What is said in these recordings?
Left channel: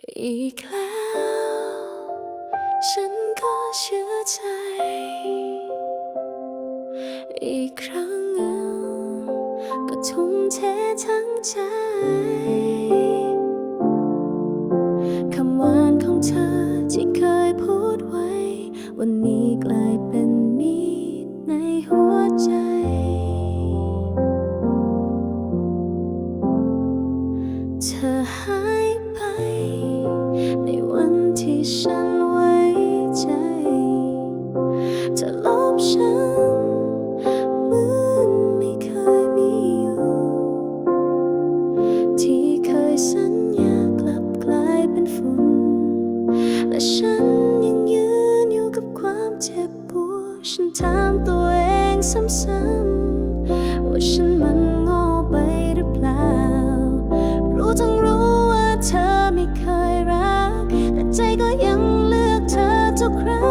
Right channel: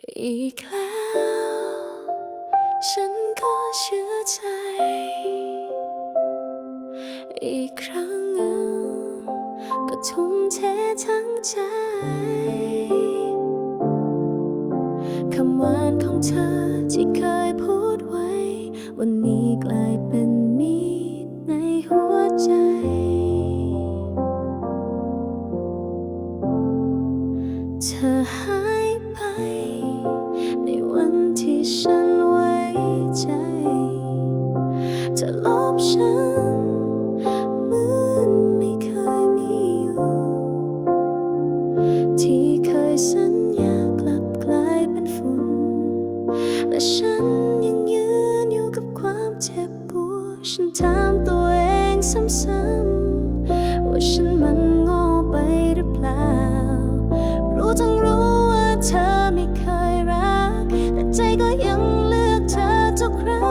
อีกแล้ว ฉันก็เชื่อใจ อีกครั้งหนึ่งก็ทุ่มเททั้งใจคำหวานของเธอที่เคยพูดไว้ วันนี้กลายเป็นมีดในหัวใจ เธอหา ที่ฉันไว้ใจเธอลบฉันเหมือนไม่เคยมีอยู่ ที่เคยสัญญากลับกลายเป็นฝุ่น และฉันยังยืนอยู่กับความเจ็บปวดฉันถามตัวเองซ้ำๆว่าฉันมันโง่ไปหรือเปล่า รู้ทั้งรู้ว่าเธอ ใจก็ยังเลือกเธอทุกครั้ง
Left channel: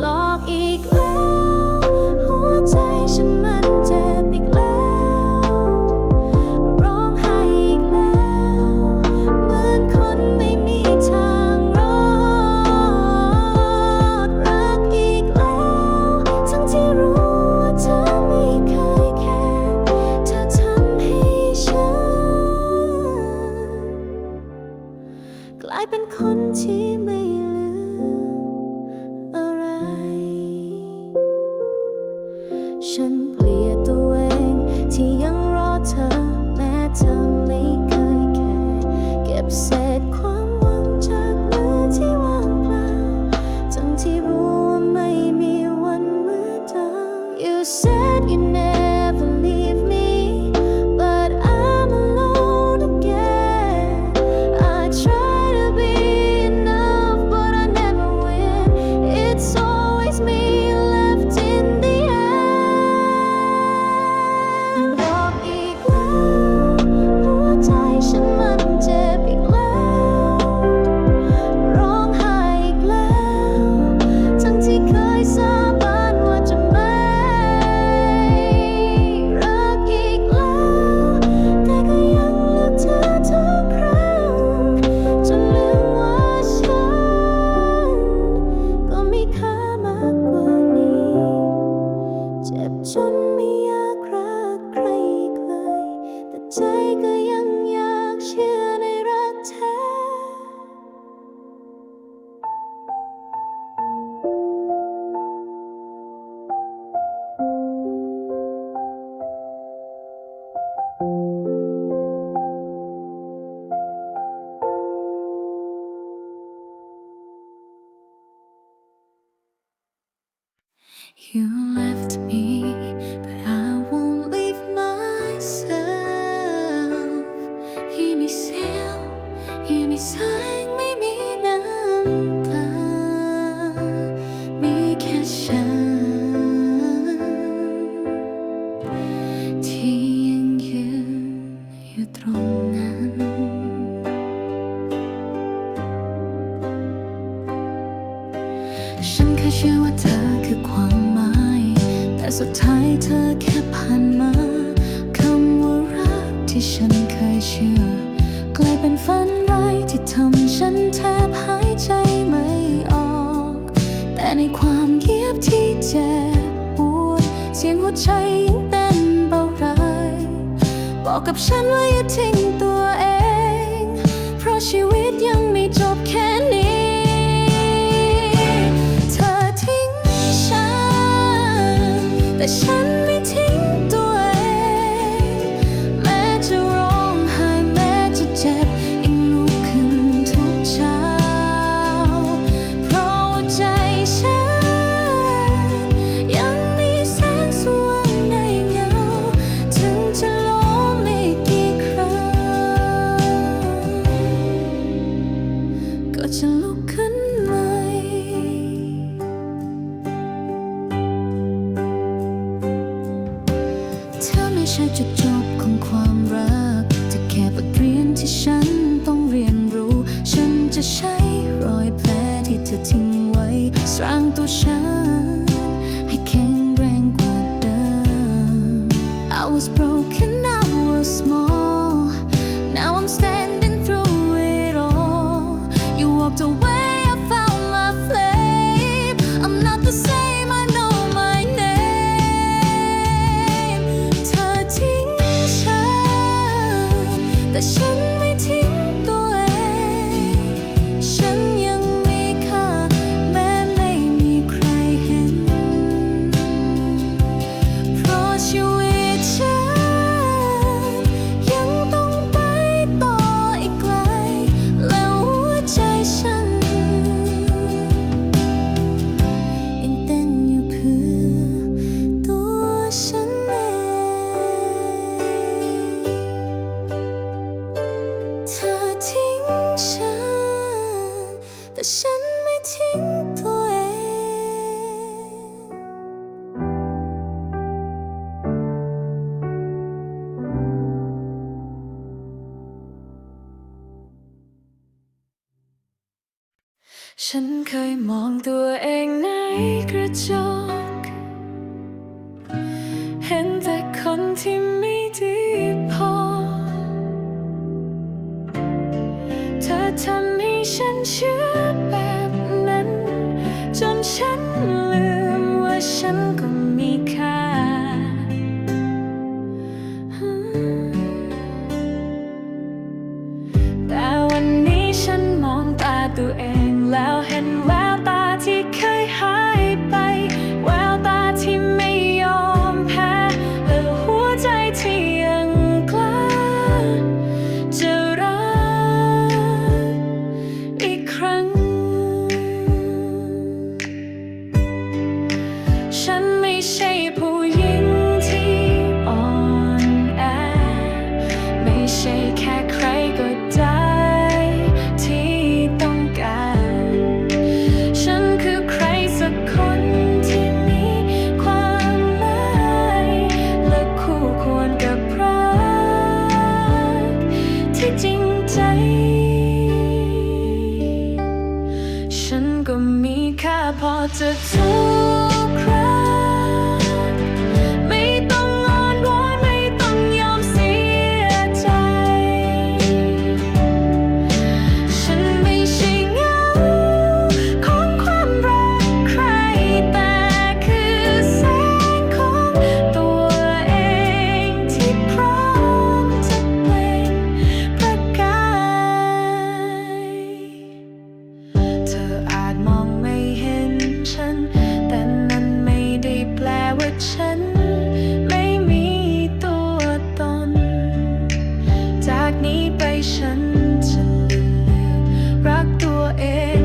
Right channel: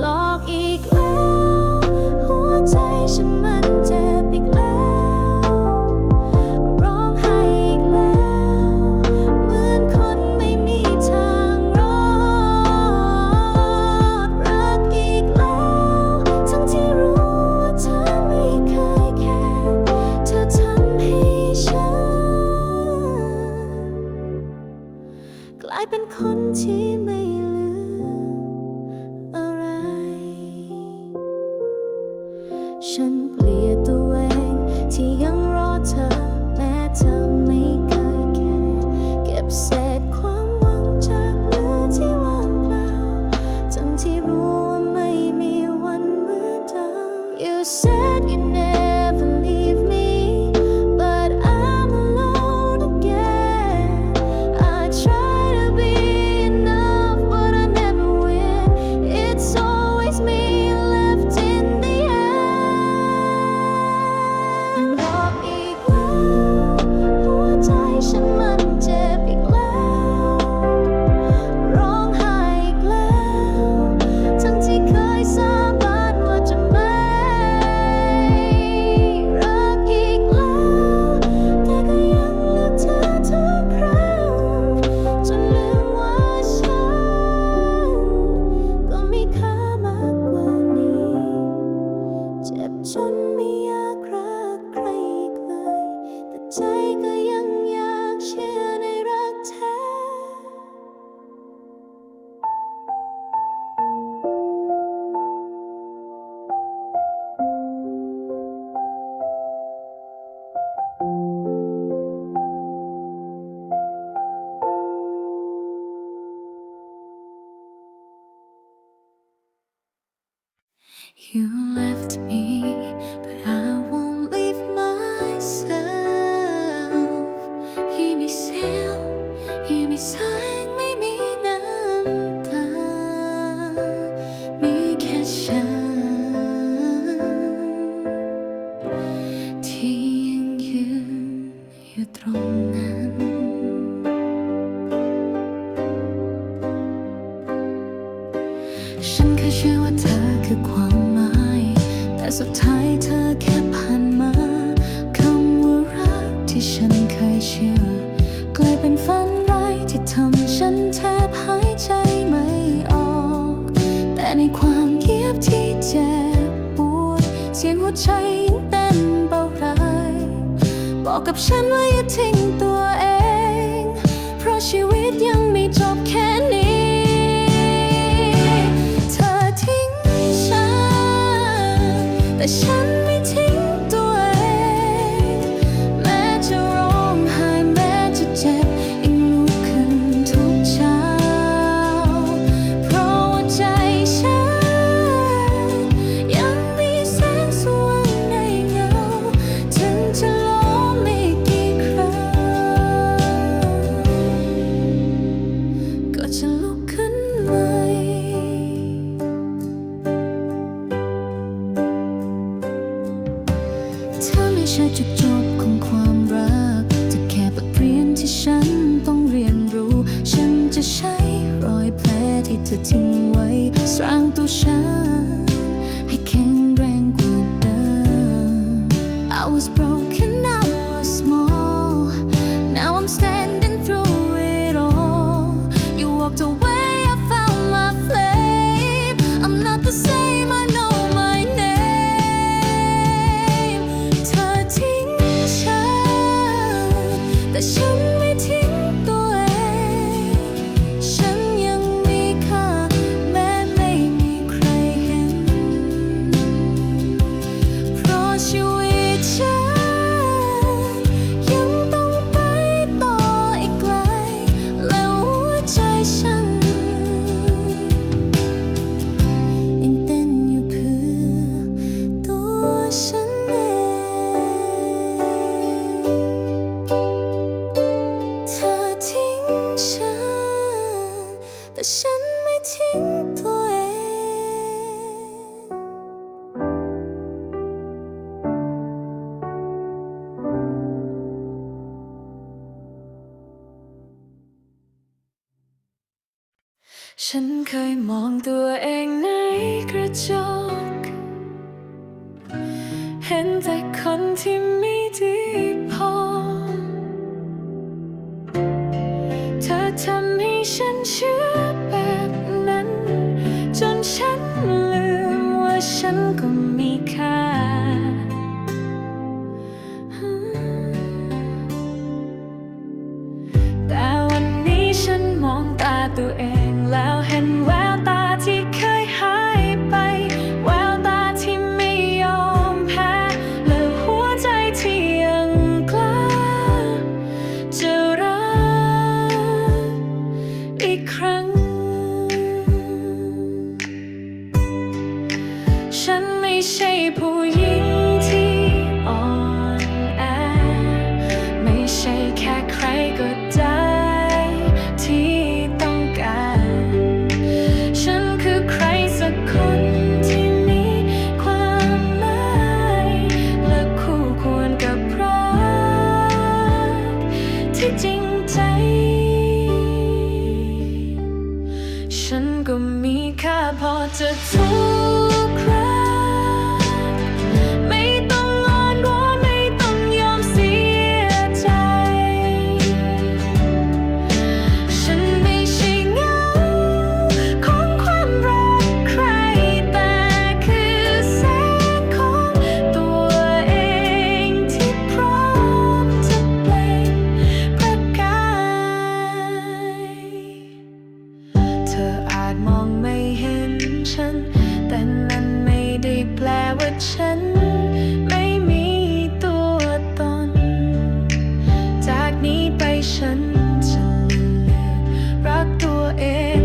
หลอกอีกแล้ว หัวใจฉันมันเจ็บอีกแล้ว คนที่ไม่เหลืออะไร ฉันเกลียดตัวเองที่ยังรอเธอ แม้เธอไม่เคยแค่เก็บเศษความหวังจากมือที่ว่างเปล่าทั้งที่รู้ว่าไม่มีวันเหมือนเดิม You said you เจ็บจนไม่อยากรักใครอีกเลย แต่ใจก็ยัง ผ่านมาคำว่ารักที่ฉันเคยเชื่อ กลายเป็นฝันร้ายที่ทำฉันแทบหายใจไม่ออก แต่ในความเงียบที่เจ็บปวด เสียงหัวใจยังเต้นเบาไรบอกกับฉันว่าอย่าทิ้งตัวเอง เพราะชีวิตยังไม่จบแค่นี้เธอทิ้งฉันแต่ฉัน บทเรียนที่ฉันต้องเรียนรู้ ฉันจะใช้รอยแผลที่เธอทิ้งไว้ สร้างตัวฉัน ให้แข็งแรงกว่าเดิม I was broken I was small now I'm standing through it all You walked away, แทิ้งฉัน แต่ฉันไม่ทิ้งตัวเอง ฉันเคยมองตัวเองในกระจก เห็นแต่คนที่ไม่ดี ทำให้ฉันเชื่อแบบนั้น จนฉันลืมว่าฉันก็มีค่า แต่วันนี้ฉันมองตาตัวเองแล้วเห็นแววตาที่เคยหายไป แววตาที่ไม่ยอมแพ้ และหัวใจที่ยัง ครั้ง ฉันไม่ใช่ผู้หญิงที่อ่อนแอ ไม่ใช่แค่ใครก็ได้ที่ต้องการ ฉันคือใครสักคนที่มีความหมายและคู่ควรกับรักที่จริงใจ ฉันก็มีค่าพอจะทุกครั้ง ลว่าฉัน ไม่มีตัวตน จากนี้ไปฉันจะเลือกรักตัวเอง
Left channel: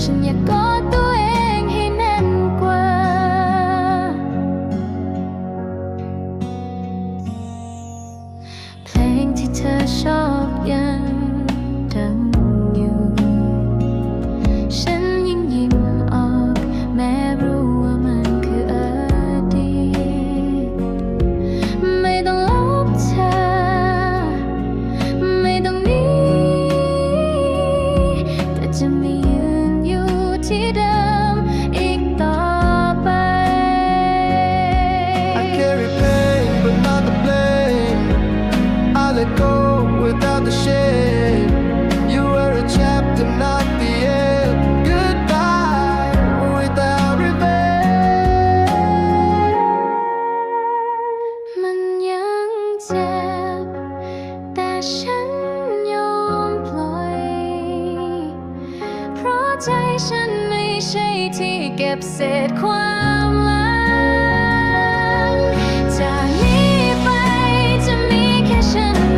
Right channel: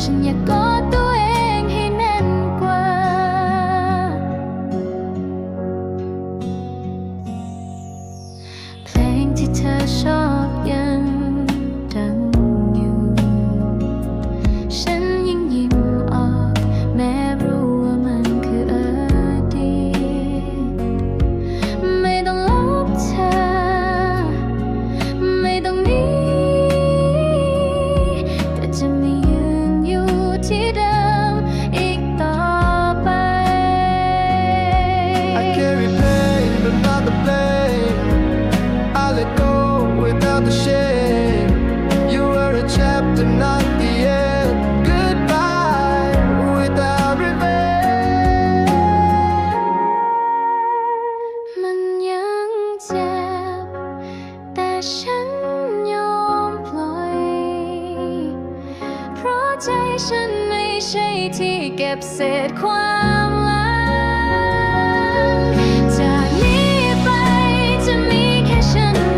ฉันอยากกอดตัวเองให้แน่นกว่า เพลงที่เธอชอบยังดังอยู่ ฉันยังยิ้มออก แม้รู้ว่ามันคืออดีตไม่ต้องลบเธอ ไม่ต้องหนี้แต่จะมี I carry pain but not the blame. I let go without the shame. You were a chapter not ฉันไม่ใช่ที่เก็บเศษความลังจากนี้ไปจะมีแค่ฉัน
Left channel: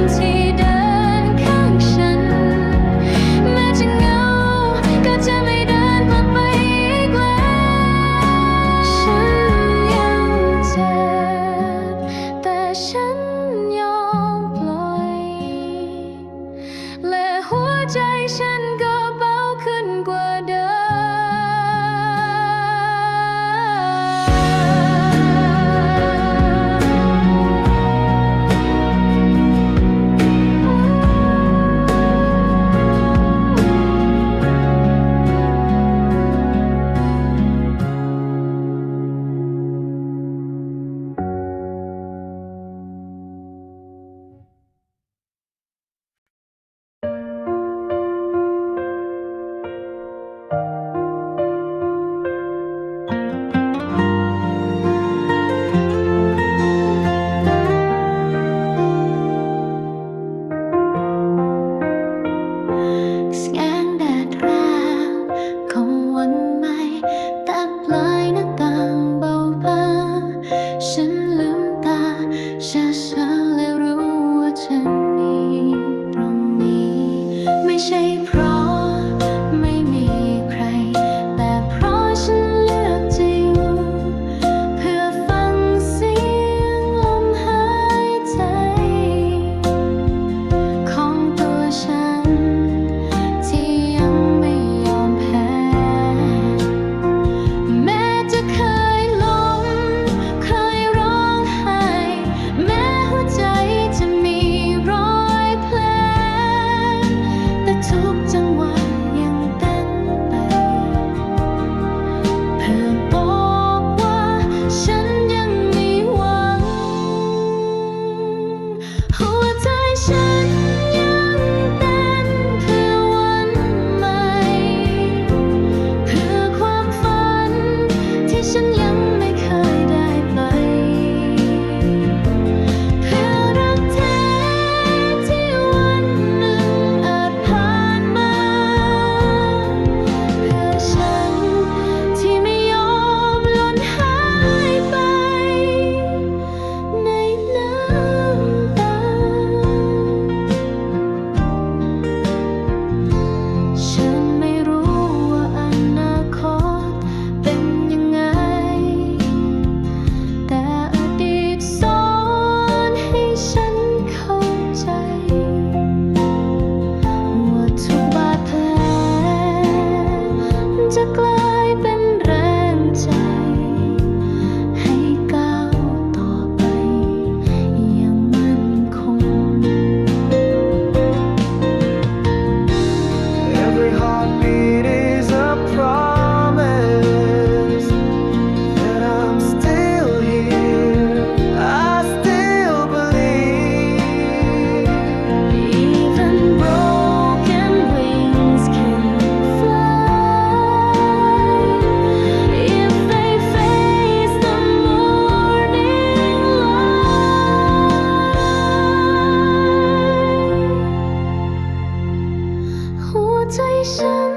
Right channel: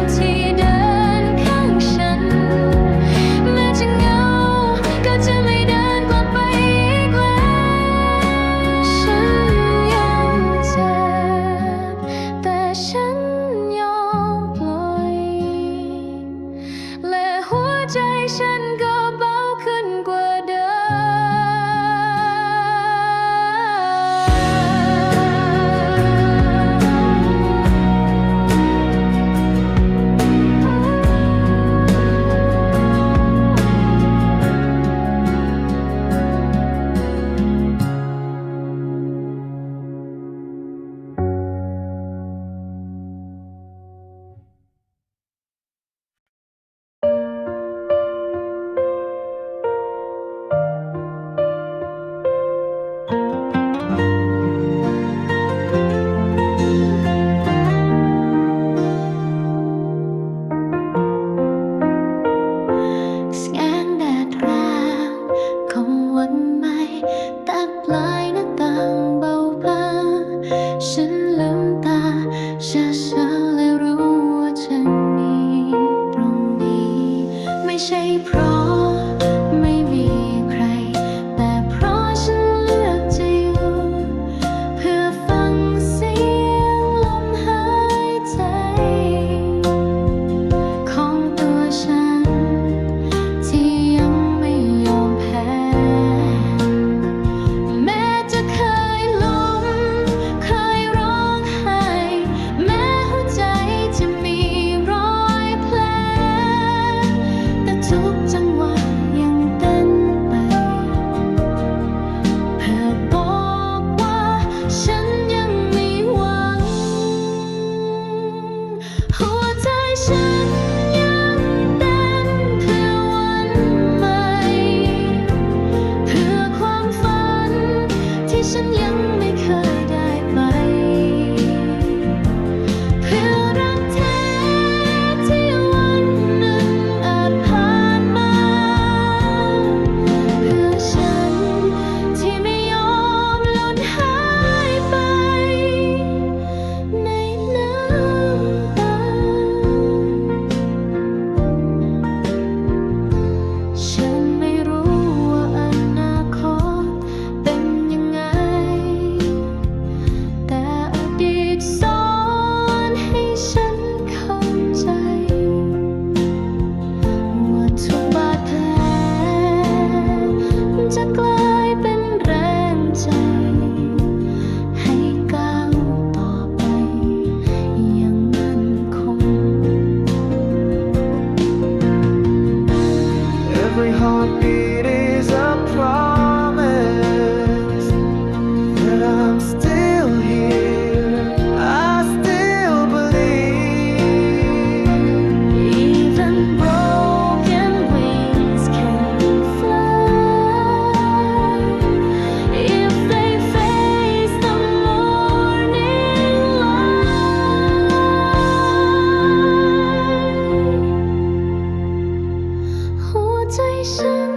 ฉัน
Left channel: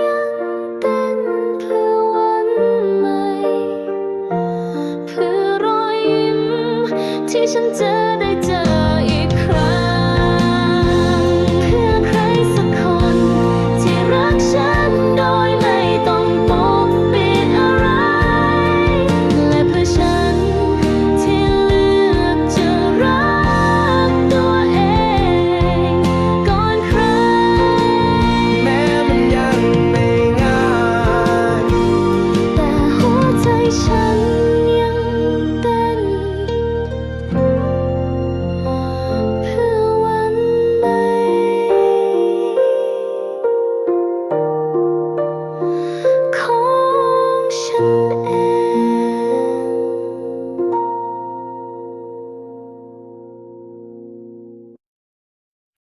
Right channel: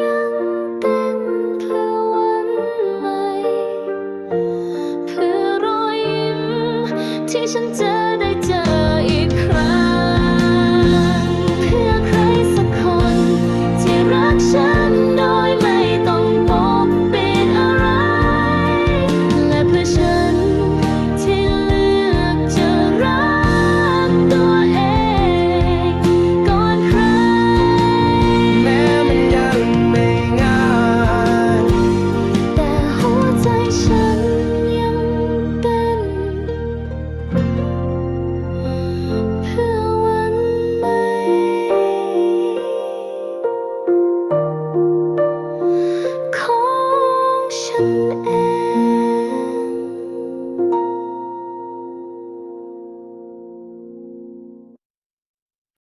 ยังเต้นเพื่อวันใหม่ เพื่อรอยยิ้มที่ฉันเจอ